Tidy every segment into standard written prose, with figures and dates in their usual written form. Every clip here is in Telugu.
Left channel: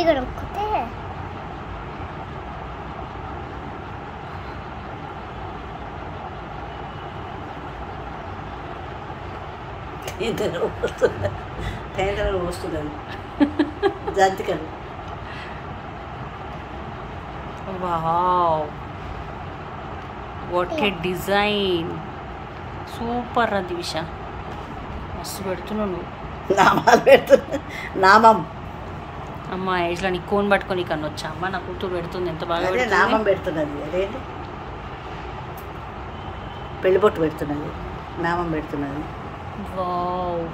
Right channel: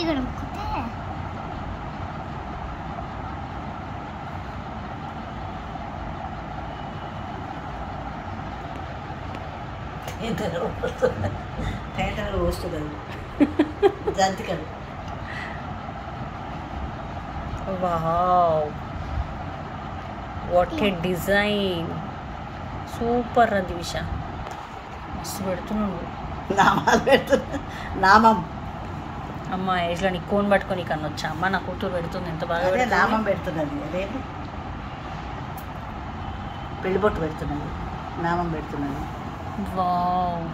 ఇక్కడ ఒక్కితే వస్తుంది జంతికలు. Wow, what a design, super రా దివిష, మస్తు పెడుతున్నావు నువ్వు. నామాలు పెడుతున్నా. నామం అమ్మ ఏజ్లో నీ కోన్ పట్టుకొని కన్నా వచ్చా అమ్మ, నా కూతురు పెడుతుంది, ఎంత బాగా పెడుతుంది. నామం పెడుతున్నది. అదేంటి పెళ్ళిబొట్టు పెడుతున్నది, నామం పెడుతున్నది. Wow,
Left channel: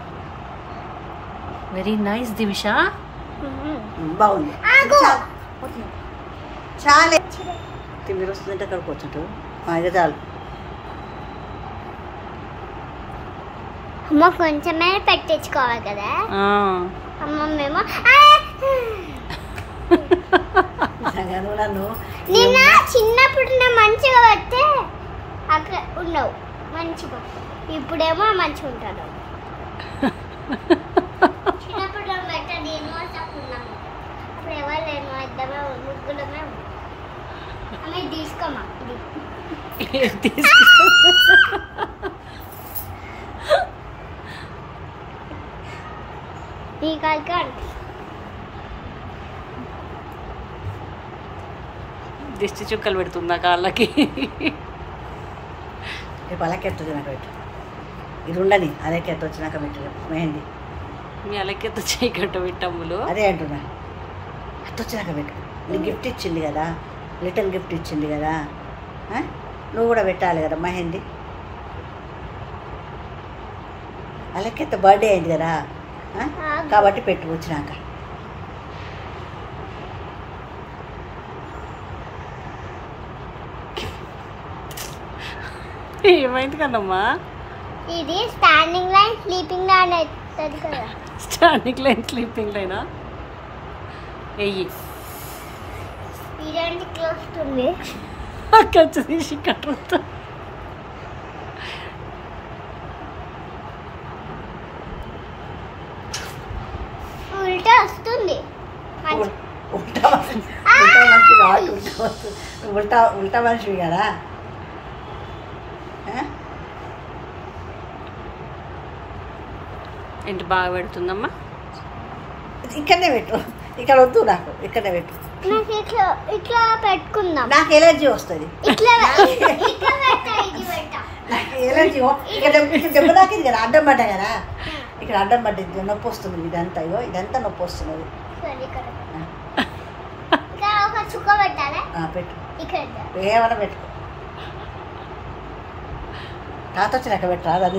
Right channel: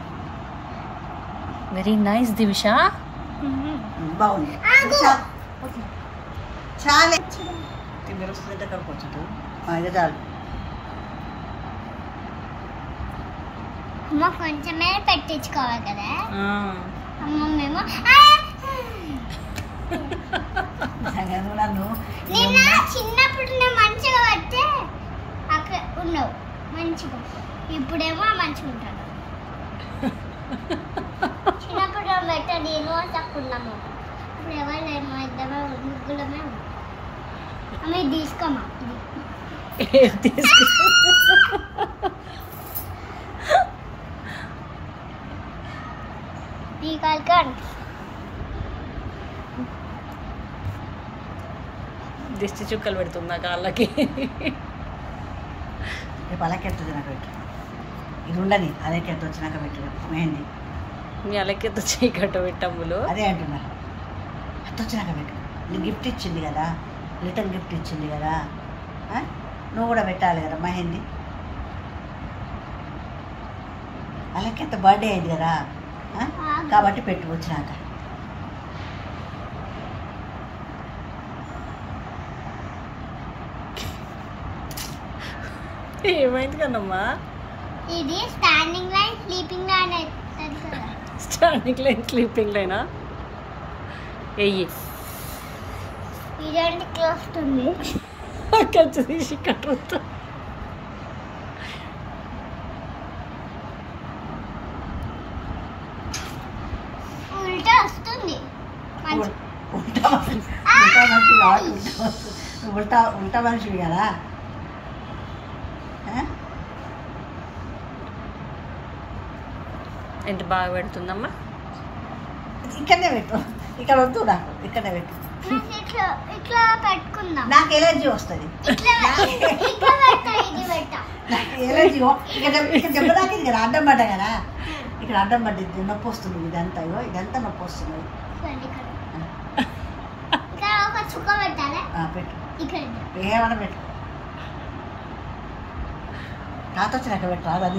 very nice Divisha. బాగుంది. చాలా మీరు వస్తుందంటే అక్కడికి వచ్చాడు. ఇక చాలు. అమ్మ కొంచెమే పెట్టించుకోవాలి కదా అమ్మ. మేము నన్ను నిన్న చిన్నప్పుడు నా మంచిగా పడితే అక్కడ ఉన్నావు మంచిగా, ఇప్పుడేమో మంచిగా ఉంటాను. చిన్నప్పుడు పెట్టండి యూనివర్సిటీకున్నాము, అప్పుడు ఎవరు లేను, ఇద్దరు ముగ్గులమే ఉన్నాం. అమ్మ తీసుకోమా ఈ కాల్కన్ దిష్టి చుక్కలు పెడుతుందా కాళ్ళకి. రేపు అలాకెత్తుంది నాకు పెట్టు. ఇది ఉండని అలాకెత్త వచ్చినాక పెట్టు మెహందీ. మీ అలకెత్త చేయి కట్ట పెట్టమ్ములు. అదే అంటున్నా, అత్త వచ్చినాక పెట్టు. నీకు గిఫ్ట్ ఇచ్చింది కదా, లిటిల్ గిఫ్ట్ ఇచ్చింది కదా, నువ్వు కూడా పెట్టాలి కదా మెహందీ. అలాకెత్త బర్త్డే అయింది కదా, కాబట్టి పెట్టు వచ్చినాక. ఏమైంది కదమ్మా? ఇది స్టాండింగ్ లైన్ స్లీపింగ్ లైన్ అవుతుంది కదా. స్టాండింగ్ లైన్ స్లీపింగ్ లైనా? ఎయ్యి ఇదేంటి వస్తుంది ఖర్చు తీసి కట్టుతా. ఉల్టా వస్తుంది. ఉల్టా మనిషివి కదా. ఏంటి బాగా పెడుతుందమ్మా? ఇక్కడనే పెట్టు, ఇక్కడ వద్దు నాకు, ఇక్కడనే పెట్టు. ఇట్లా ఇట్లా పెట్టుకుందాం. నాకు ఎలర్జీ వస్తుంది. ఇట్లా ఇట్లా పెట్టా, ఇది పెట్టా. నాకు ఎలర్జీ ఇక్కడ దెబ్బ తాకింది కదా, అడ్డం పడ్డా కదా, ఇక్కడ అడ్డం పడ్డది, నొప్పి వస్తుంది. ఇదంతా ఇదంతా నొప్పి వస్తున్నది. ఇక్కడ ఒక చుక్క పెట్టాలి. పెట్టు, ఇక్కడ ఏమైనా పెట్టుకో. తాత వచ్చినాక పెట్టరా.